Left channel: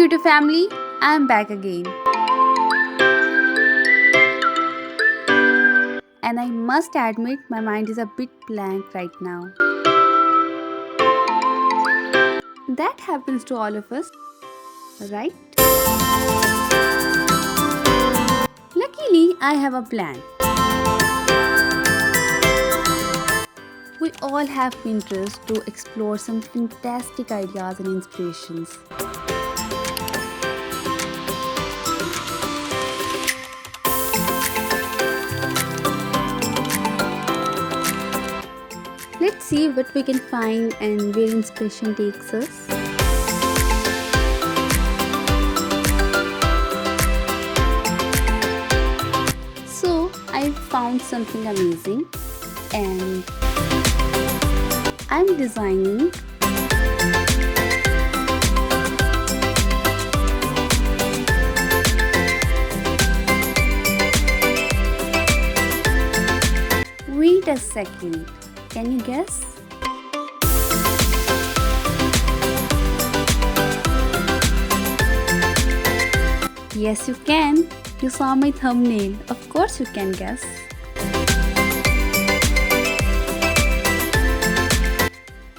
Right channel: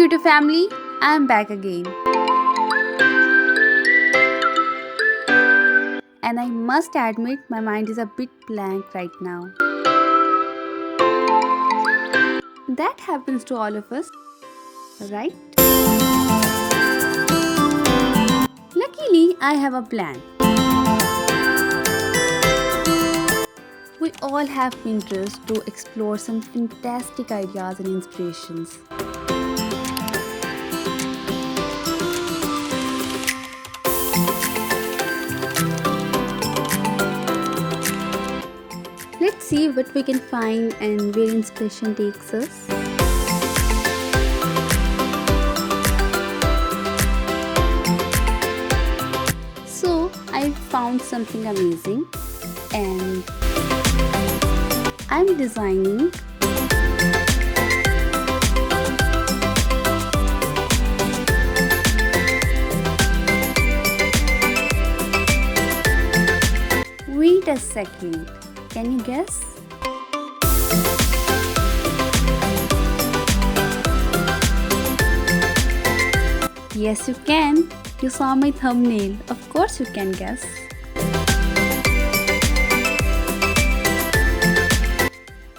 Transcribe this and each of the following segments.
YouTube family, I am back again. And I must admit my mind is a bit blank right now. That happens to all of us, right? Luckily, I have a plan. We all have Pinterest to explore some fantastic ideas and inspirations. Let's see what we can find and where inspiration takes us. So, I found something amazing and I'm designing Wait a second. Can you guess? Yes, you can. You saw my thumbnail. Of course you can guess.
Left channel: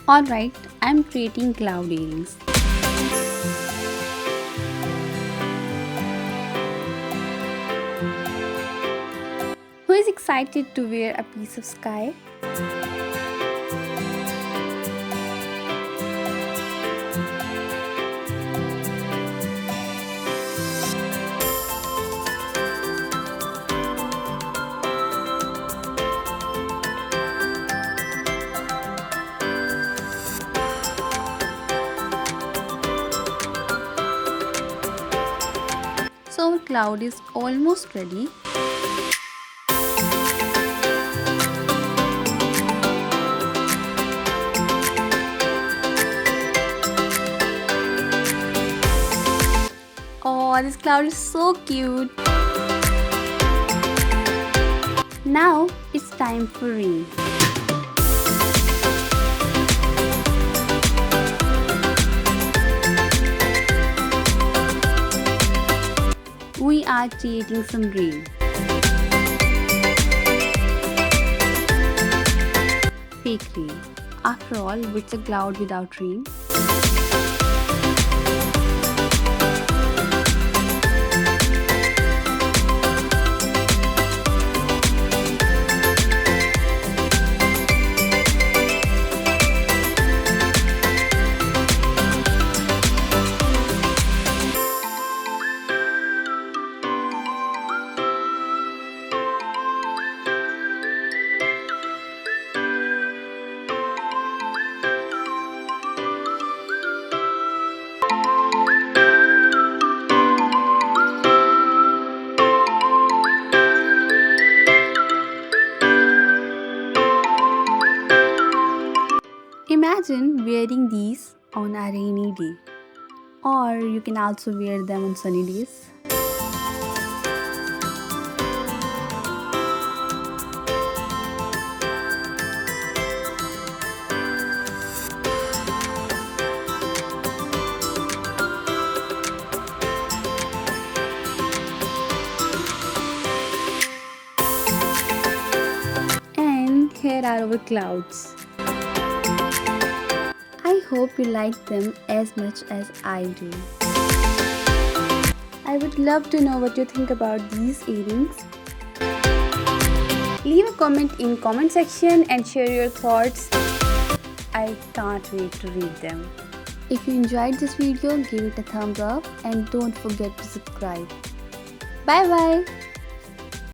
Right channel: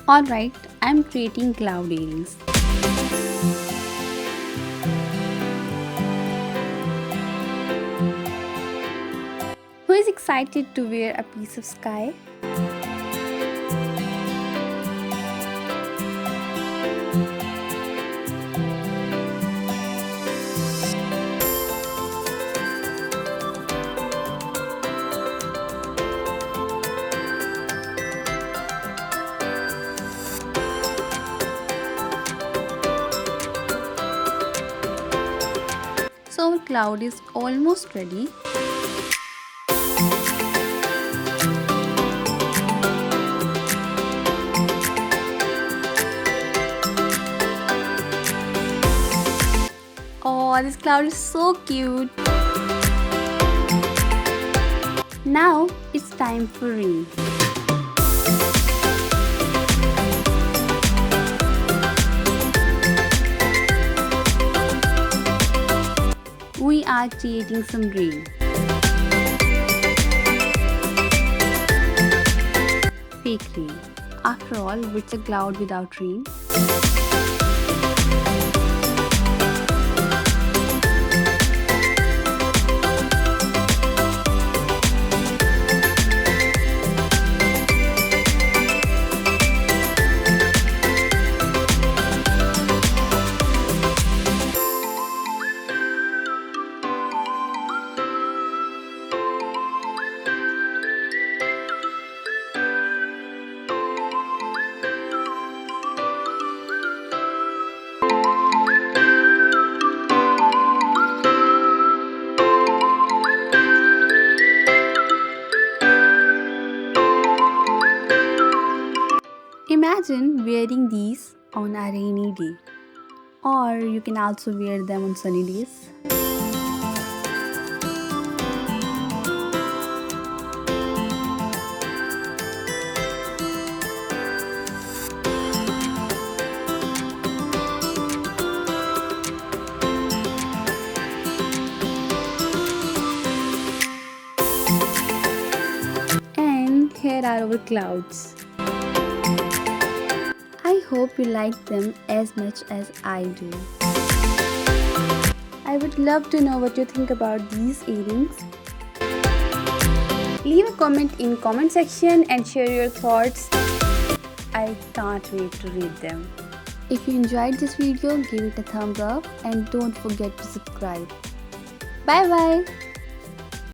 Alright, I'm creating cloud earrings. Who is excited to wear a piece of sky? So our cloud is almost ready. Oh, this cloud is so cute. Now it's time for rain. We are creating some rain. Fake rain. After all, what's a cloud without rain? Imagine wearing these on a rainy day, or you can also wear them on sunny days. And here are our clouds. I hope you like them as much as I do. I would love to know what you think about these earrings. Leave a comment in comment section and share your thoughts. I can't wait to read them. If you enjoyed this video, give it a thumbs up and don't forget to subscribe. Bye bye.